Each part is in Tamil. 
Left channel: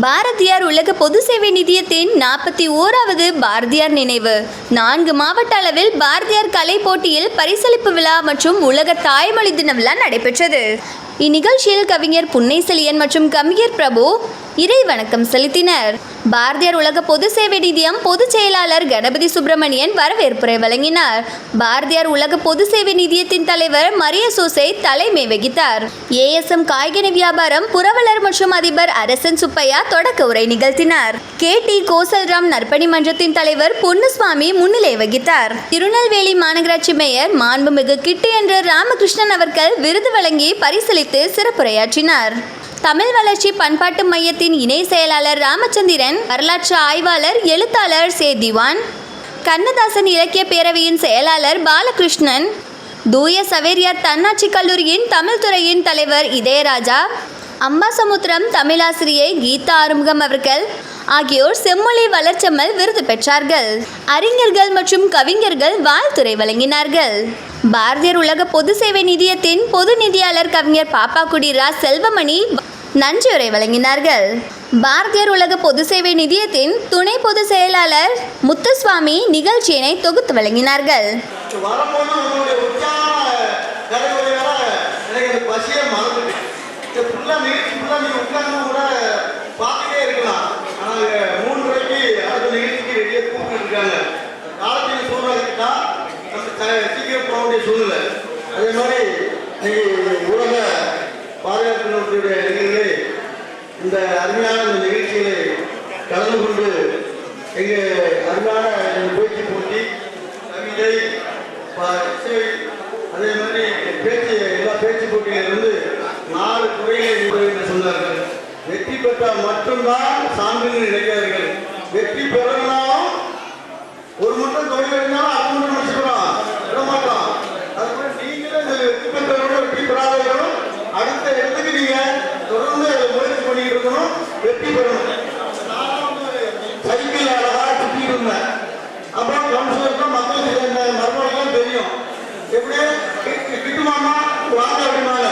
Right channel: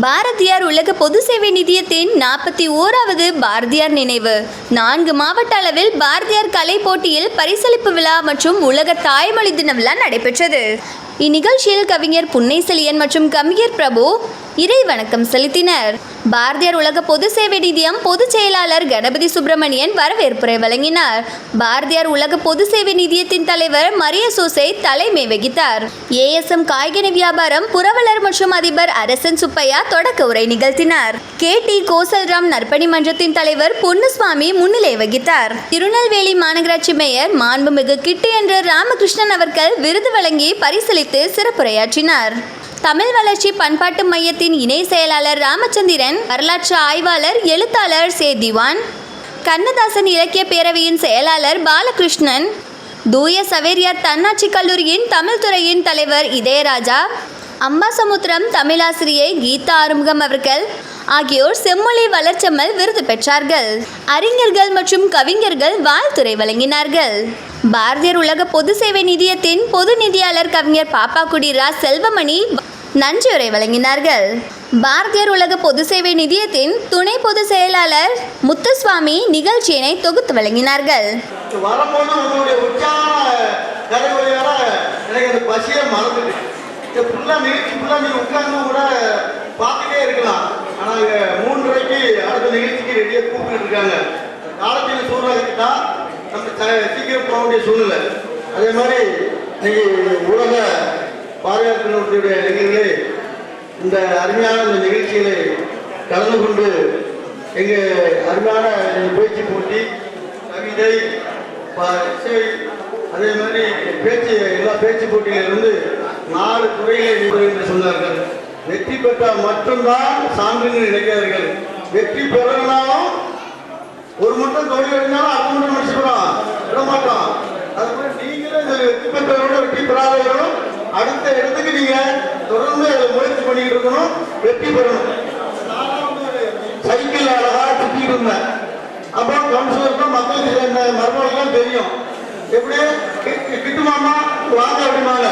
பாரதியார் உலக பொது சேவை நிதியத்தின் 41வது பாரதியார் நினைவு 4 மாவட்ட அளவில் பாரதியார் கலை போட்டியில் பரிசளிப்பு விழா மற்றும் உலக தாய்மொழி தின விழா நடைபெற்றது. இந்நிகழ்ச்சியில் கவிஞர் புன்னைசெழியன் மற்றும் கவிஞர் பிரபு இறை வணக்கம் செலுத்தினர். பாரதியார் உலக பொது சேவை நிதியம் பொதுச் செயலாளர் கணபதி சுப்பிரமணியன் வரவேற்புரை வழங்கினார். பாரதியார் உலக பொது சேவை நிதியத்தின் தலைவர் மரிய சோசை தலைமை வகித்தார். ஏஎஸ்எம் காய்கனி வியாபாரம் புரவலர் மற்றும் அதிபர் அரசன் சுப்பையா தொடக்க உரை நிகழ்த்தினார். KT கோசல்ராம் நற்பணி மன்றத்தின் தலைவர் பொன்னுசுவாமி முன்னிலை வகித்தார். திருநெல்வேலி மாநகராட்சி மேயர் மாண்புமிகு கிட்டு என்ற ராமகிருஷ்ணன் அவர்கள் விருது வழங்கி பரிசளித்து சிறப்புரையாற்றினார். தமிழ் வளர்ச்சி பண்பாட்டு மையத்தின் இணை செயலாளர் ராமச்சந்திரன், வரலாற்று ஆய்வாளர் எழுத்தாளர் திவான், கண்ணதாசன் இலக்கிய பேரவையின் செயலாளர் பாலகிருஷ்ணன், தூய சவேரியார் தன்னாட்சி கல்லூரியின் தமிழ் துறையின் தலைவர் இதயராஜா, அம்பாசமுத்திரம் தமிழாசிரியை கீதா ஆறுமுகம் அவர்கள் ஆகியோர் செம்மொழி வளர்ச்செம்மல் விருது பெற்றார்கள். அறிஞர்கள் மற்றும் கவிஞர்கள் வாழ்த்துரை வழங்கினார்கள். பாரதியார் உலக பொது சேவை நிதியத்தின் பொது நிதியாளர் கவிஞர் பாப்பாக்குடி ரா செல்வமணி நன்றியுரை வழங்கினார்கள். பாரதியார் உலக பொது சேவை நிதியத்தின் துணை பொதுச் செயலாளர் முத்துசுவாமி நிகழ்ச்சியினை தொகுத்து வழங்கினார்கள். அதே மாதிரி உலக பாதுகாப்பு தினத்துடைய நிகழ்வுகளை இந்த அருமையான நிகழ்ச்சிகளை கலந்து கொண்டு எங்கள் அருமையான பேச்சு போட்டி, கவிதை, அதே மாதிரி பேச்சு எல்லா பேச்சு போட்டியிலிருந்து 4 துறைகளை என்று சொன்னார்கள். வெற்றி பெற்றால் மட்டும்தான் சான்றிதழ் நினைக்கிறார்கள். வெற்றி பெறனாலும் ஒரு மட்டும் தொழில் இருந்தாலும் அது மட்டும் முடிச்சுக்கிறோம் விட மாட்டோம். அதுபோல நீங்களும் இந்த வெற்றி பெற்றவர்களும் வெற்றி பெறாதவர்களும் அடுத்த இடத்துக்கு நீங்க தொடர்ந்து முயற்சி பண்ணிட்டு இருக்கணும், வெற்றி பெறணும். சைக்கிள் அழகா சுற்றிட்டு இருந்தேன். அப்புறம் கவுன்சிலருக்கும் மக்களுக்கு சேர்ந்த மருமகளுக்கும் தெரியும் எப்படி கிட்டுமாமா வாங்க அப்படிமாங்க.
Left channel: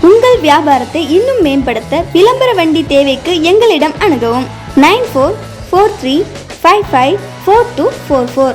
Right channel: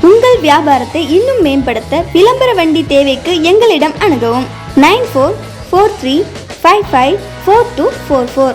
உங்கள் வியாபாரத்தை இன்னும் மேம்படுத்த விளம்பர வண்டி தேவைக்கு எங்களிடம் அணுகவும் 9443554244.